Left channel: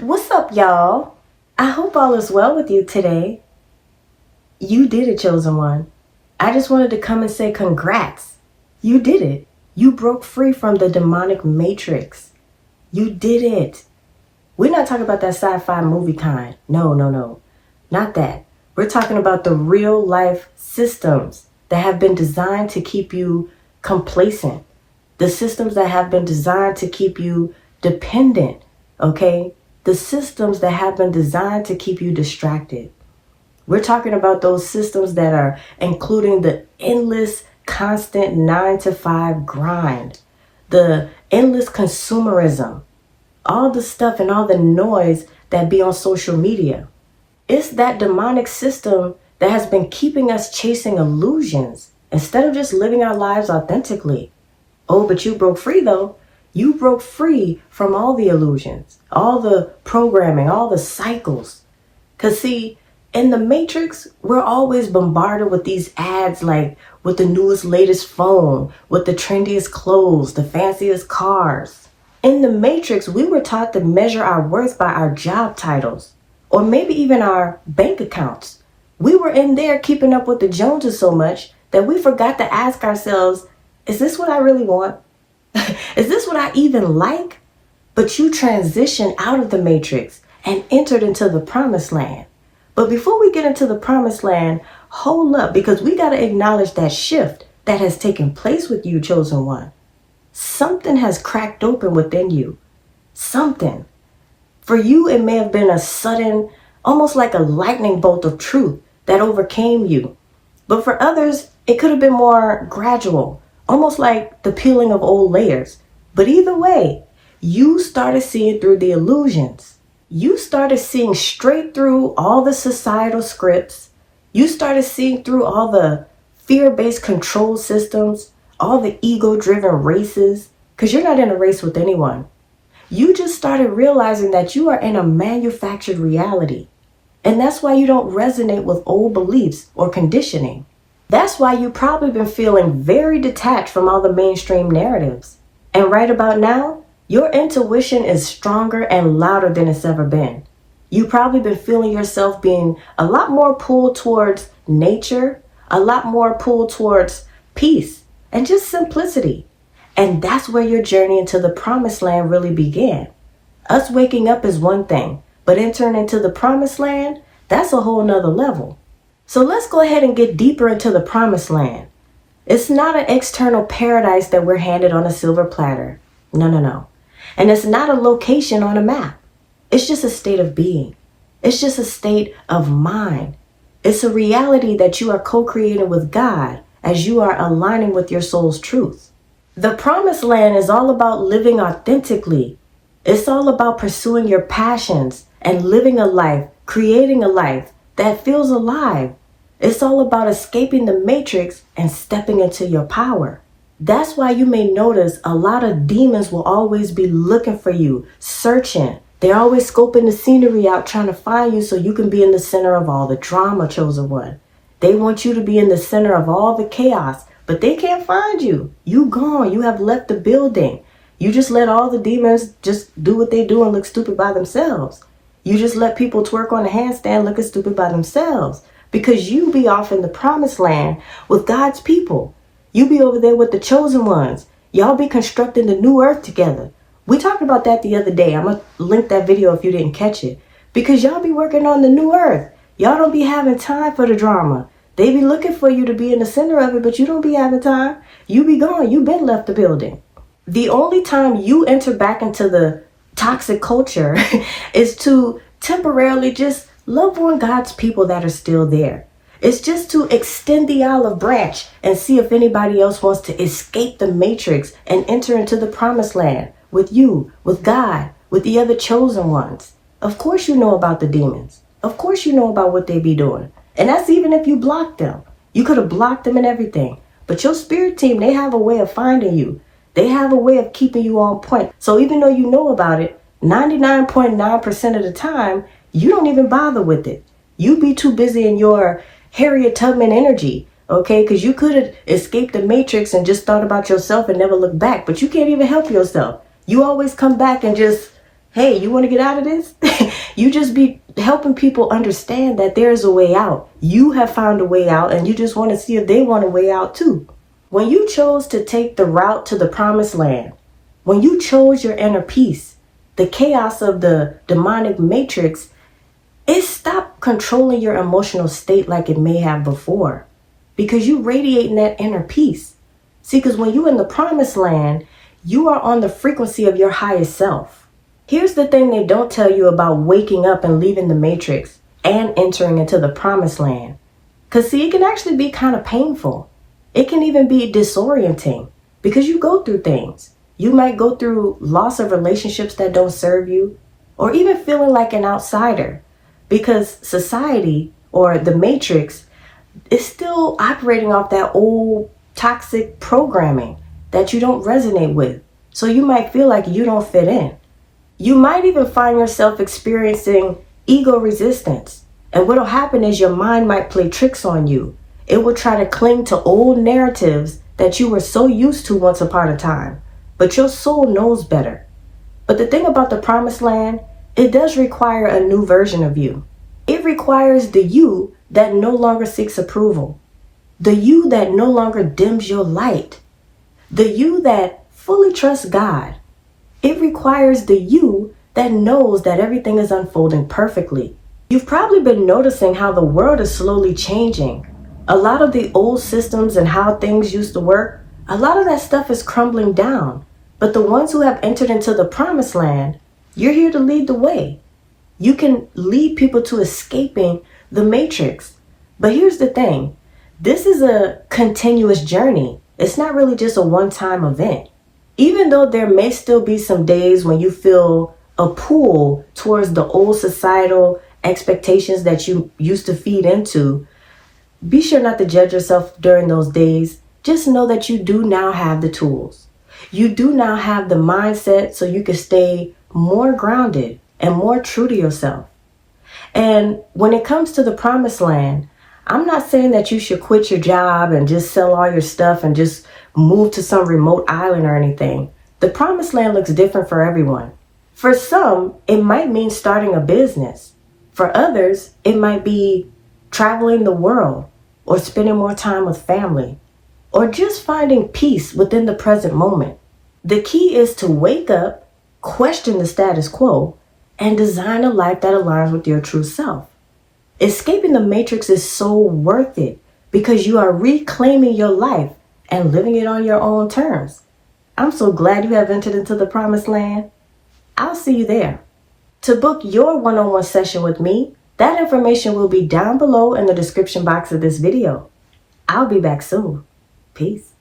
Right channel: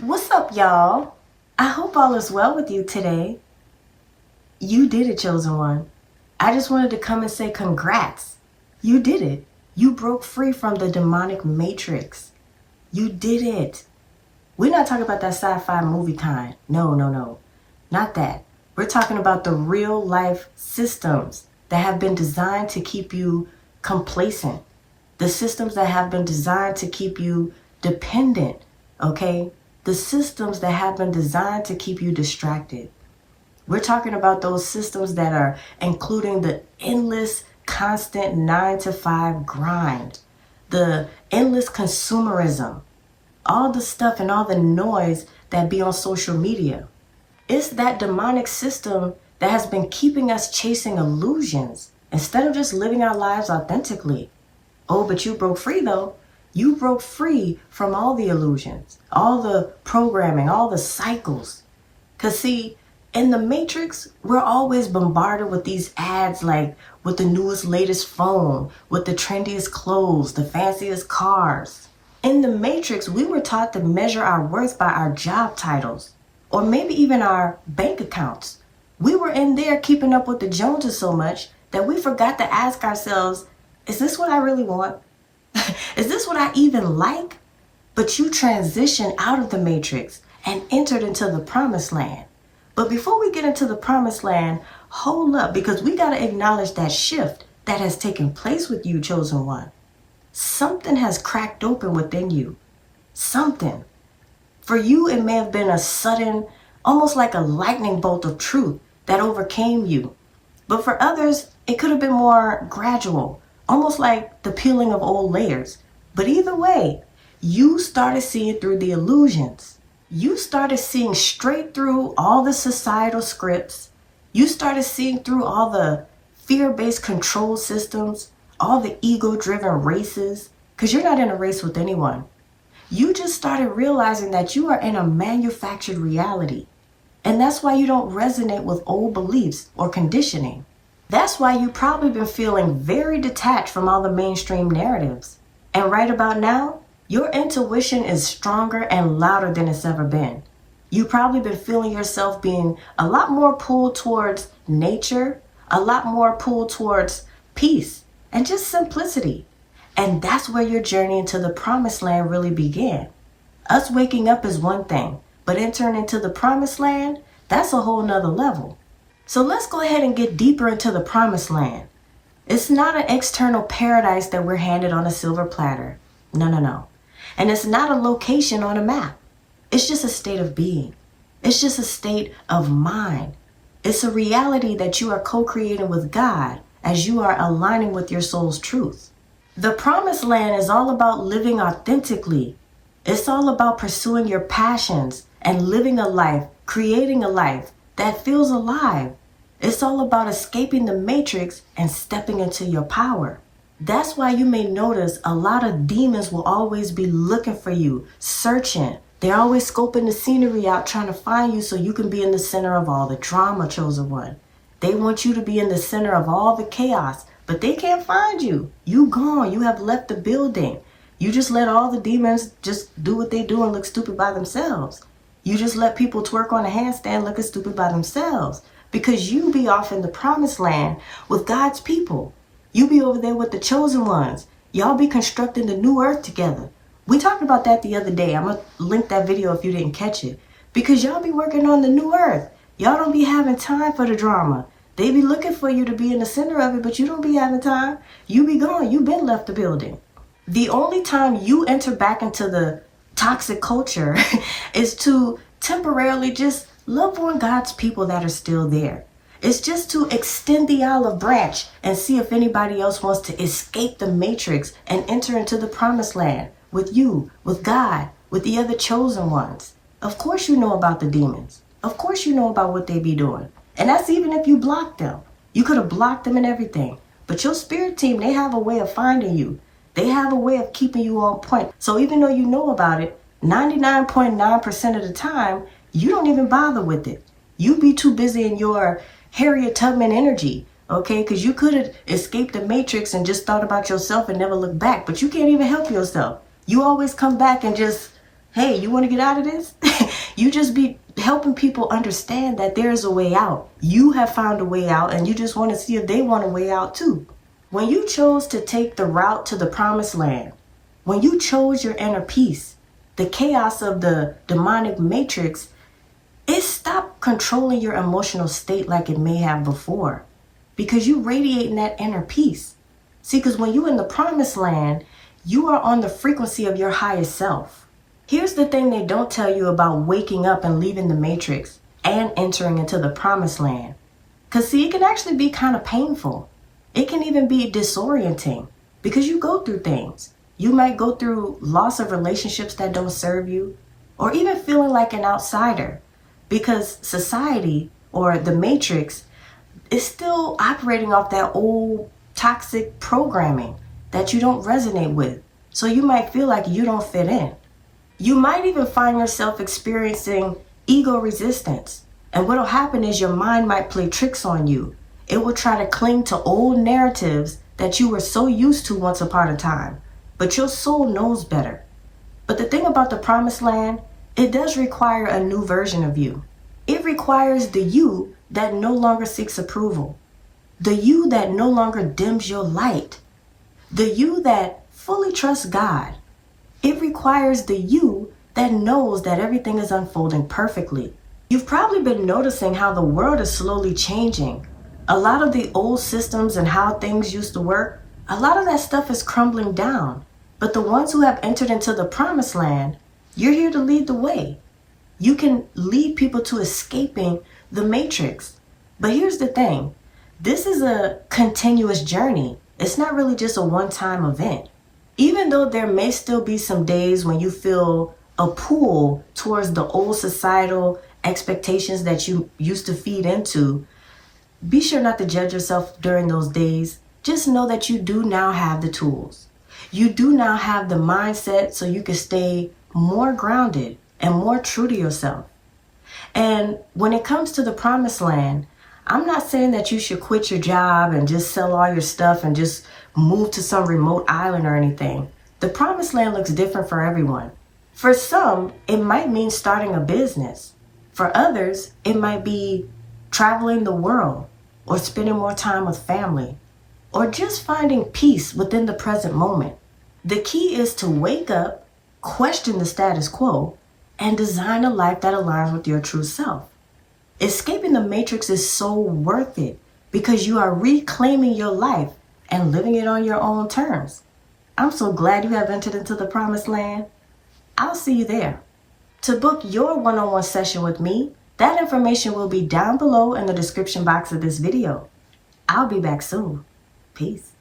What's up, y'all? I hope all is well with you today. You did it, chosen one. I just wanted to come and say congrats. You did it. You broke free from the demonic matrix. You did it. We're not talking about that sci-fi movie kind. No. Not that. We're talking about the real life systems that have been designed to keep you complacent. The systems that have been designed to keep you dependent, okay? The systems that have been designed to keep you distracted. We're talking about those systems that are including the endless, constant 9 to 5 grind, the endless consumerism, all the stuff and all the noise that be on social media. It's that demonic system that has been keeping us chasing illusions instead of just living our lives authentically. Oh, but you broke free though. You broke free from all the illusions, all the programming, all the cycles. Because see, in the Matrix, we're always bombarded with these ads like with the newest, latest phone, with the trendiest clothes, the fanciest cars. In the Matrix, we were taught to measure our worth by our job titles, or maybe even our bank accounts. We were in there keeping up with the Joneses so much that we forgot to ask ourselves, is this what I really want? Is this what I even like? But you transitioned out of the matrix and entered into the promised land. But before we get into the promised land, hold up, because we got to acknowledge that shift that has taken place with you, chosen one. Something has cracked open within you. Something. For you, it may have been a sudden, almost like a lightning bolt of truth that overcame you. But for others, it could have been more gradual, almost like the peeling of old layers. But either way, you started seeing through the illusions. You started seeing straight through all the societal scripts. You started seeing through all the fear-based control systems, all the ego-driven races, because you're not in a race with anyone. You just started realizing that you are in a manufactured reality. And that's why you don't resonate with old beliefs or conditioning. That's why you've probably been feeling very detached from all the mainstream narratives. And right about now, your intuition is stronger and louder than it's ever been. You've probably been feeling yourself being a lot more pulled towards nature, a lot more pulled towards peace and just simplicity. And that's where your journey into the promised land really began. Us waking up is one thing, but entering into the promised land, that's a whole nother level. So let's go ahead and get deeper into the promised land. It's not an external paradise that we're handed on a silver platter. No. And it's not a location on a map. It's just a state of being. It's just a state of mind. It's a reality that you are co-creating with God as you are aligning with your soul's truth. The promised land is all about living authentically. It's all about pursuing your passions and living a life, creating a life that feels alive. It's all about escaping the matrix and stepping into your power. That's why you may notice a lot of demons will always be looking for you, searching. They're always scoping the scenery out, trying to find you so you can be in the center of all the drama, chosen one. They want you to be in the center of all the chaos, but they can't find you. You gone. You have left the building. You just let all the demons just do what they do and look stupid by themselves. You just let people twerk on a handstand looking stupid by themselves. Because you be off in the promised land with God's people. You be over there with the chosen ones. Y'all be constructing the new earth together. We talked about that the other day. I'm going to link that video if you didn't catch it. Because y'all be working on the new earth. Y'all don't be having time for the drama. They be looking for you to be in the center of it, but you don't be having time. You be gone. You been left the building. The only time you enter back into the toxic culture is to temporarily just love on God's people that are still there. It's just to extend the olive branch and see if anybody else wants to escape the matrix and enter into the promised land with you, with God, with the other chosen ones. Of course you know about the demons. Of course you know about what they be doing. And that's even if you blocked them. You could have blocked them and everything. But your spirit team, they have a way of finding you. They have a way of keeping you on point. So even though you know about it, 99.9% of the time, you don't even bother with it. You be too busy in your Harriet Tubman energy, okay? Because you could have escaped the matrix and just thought about yourself and never looked back, but you can't even help yourself. You always come back and just Hey, you want to get out of this? You just be helping people understand that there's a way out. You have found a way out, and you just want to see if they want a way out too. When you chose to take the route to the promised land, when you chose your inner peace, the chaos of the demonic matrix, it stopped controlling your emotional state like it may have before, because you radiating that inner peace. See, because when you're in the promised land, you are on the frequency of your highest self. Here's the thing they don't tell you about waking up and leaving the matrix and entering into the promised land. Because see, it can actually be kind of painful. It can even be disorienting because you go through things. You might go through loss of relationships that don't serve you, or even feeling like an outsider because society or the matrix is still operating off that old toxic programming that you don't resonate with. So you might feel like you don't fit in. You might even find yourself experiencing ego resistance. And what'll happen is your mind might play tricks on you. It will try to cling to old narratives that you were so used to once upon a time. But your soul knows better. But the thing about the promised land, it does require a new version of you. It requires the you that no longer seeks approval. The you that no longer dims your light. The you that fully trusts God. It requires the you that knows that everything is unfolding perfectly. You've probably been noticing how the world is slowly changing. A lot of the old systems and how things used to work, a lot of that stuff is crumbling down. But the ones who have entered into the promised land, you're here to lead the way. You can lead people to escaping the matrix. But here's the thing. This is a continuous journey. It's not really just a one-time event. Even though there may still be some days when you feel a pull towards the old societal expectations that you used to feed into, be sure not to judge yourself during those days. Just know that you do now have the tools. You do now have the mindset so you can stay more grounded and more true to yourself. And when it comes to the promised land, I'm not saying that you should quit your job and just sell all your stuff and just move to some remote island or anything. The promised land looks different for everyone. For some, it might mean starting a business. For others, it might be traveling the world or spending more time with family or just finding peace within the present moment. The key is to wake up, question the status quo, and design a life that aligns with your true self. Escaping the matrix is so worth it because you are reclaiming your life and living it on your own terms. I'm so glad you have entered into the promised land. I'll see you there. To book your one-on-one session with me, that information will be down below in the description box of this video. I'll be back soon. Peace.